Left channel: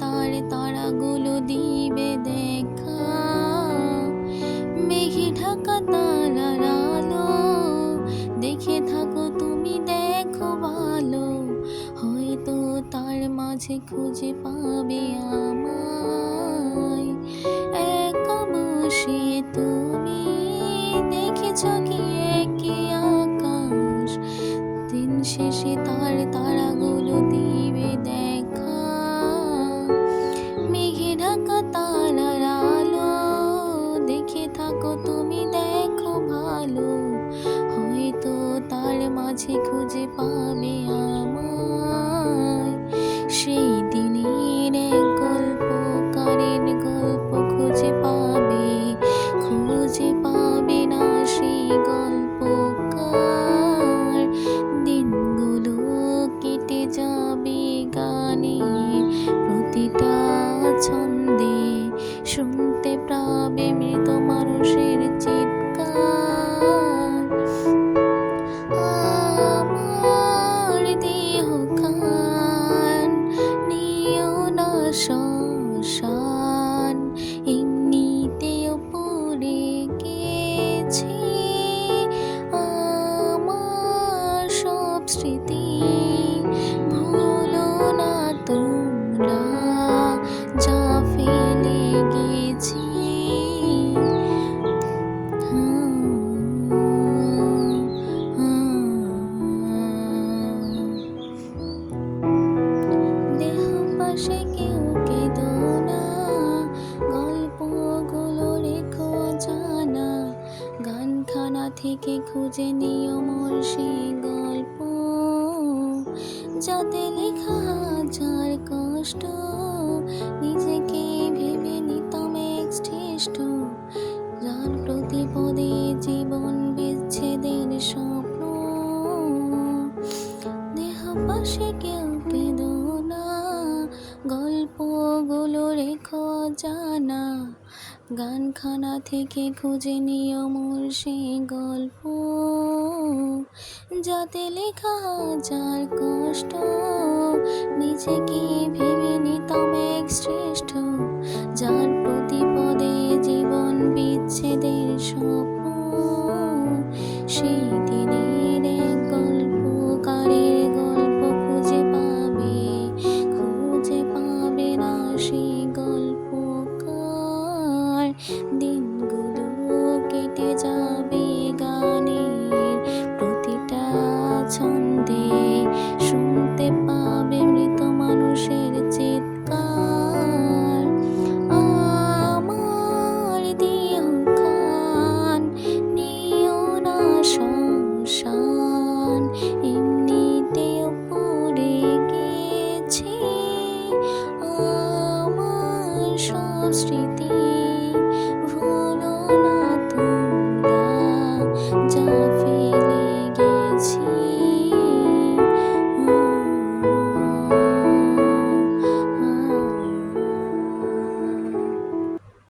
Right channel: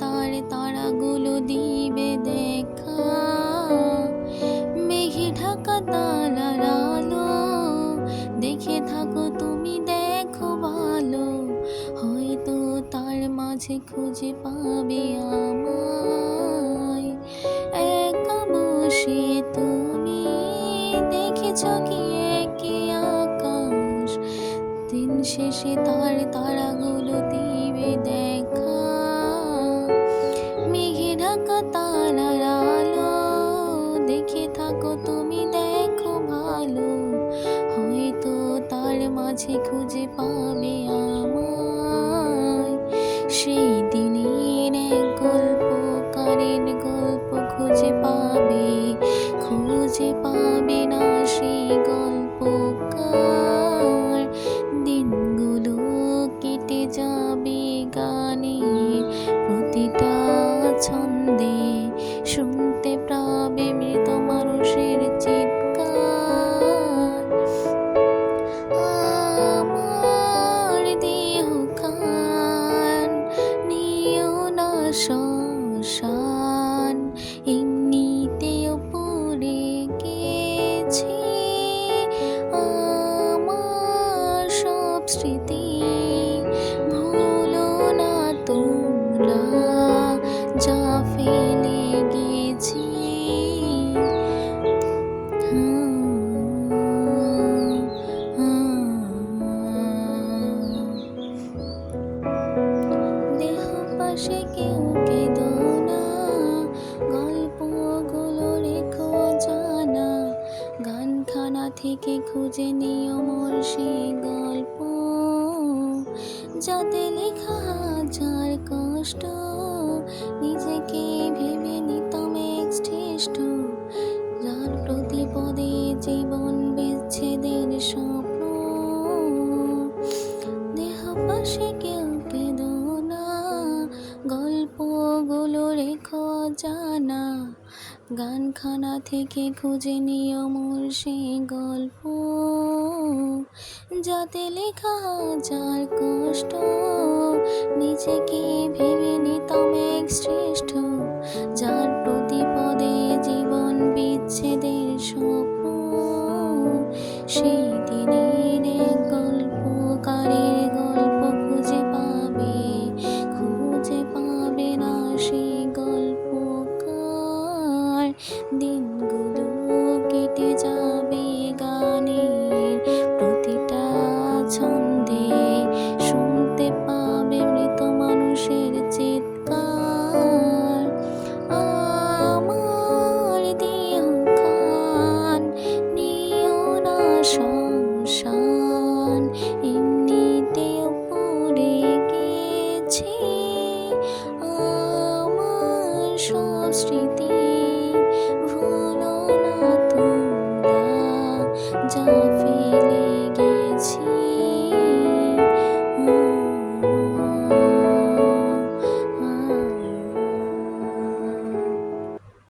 তার তারাগুলো দিবে দেখা। মেঘে ঢাকা তারার আলো দেখে থাকো তুমি, দেখো ভালো, হয়তো তার মাঝে খুঁজে পাবে আমায়। একা বসে তুমি দেখেছ কি একই আকাশ, দিন শেষে তার তারাগুলো দিবে দেখা। মেঘে ঢাকা তারার আলো দেখে থাকো তুমি, দেখো ভালো, হয়তো তার মাঝে খুঁজে পাবে আমায়। সেই দিনের এক গল্পকারের গল্প খুঁজে পাবে না সেই গল্পকার। দিনগুলো কেটে যাবে গানের প্রতিটা ছন্দে, শুনতে পাবে মৃত মানুষের চিৎকার। আমার দেহ কান নিও না শ্মশান, এমনিতেও পড়ে গেছি আমার সব স্মৃতি। ভুলো না তোমরা যা ফেলে গেছি। দেহ পাশে কেউ কেঁদো না, গল্পগুলো রেখো জানা, গানখানা থেকে খুঁজে নিও মোর সেই গল্প, যাতে লেখা হাজার কষ্ট, নিজেকে ভেবে নিতাম এক শ্রেষ্ঠ, যার প্রতি পদে জীবন বিচ্ছেদের স্বপ্ন। দেহ পাশে কেউ কেঁদো না, গল্পগুলো রেখো জানা, গানখানা থেকে খুঁজে নিও মোর সেই গল্প, যাতে লেখা হাজার কষ্ট, নিজেকে ভেবে নিতাম এক শ্রেষ্ঠ, যার প্রতি পদে জীবন বিচ্ছেদের স্বপ্ন। সেই দিনের এক গল্পকারের গল্প খুঁজে পাবে না সেই গল্পকার। দিনগুলো কেটে যাবে গানের প্রতিটা ছন্দে, শুনতে পাবে মৃত মানুষের চিৎকার। আমার দেহ কান নিও না শ্মশান, এমনিতেও পড়ে গেছি আমার সব স্মৃতি। ভুলো না তোমরা যা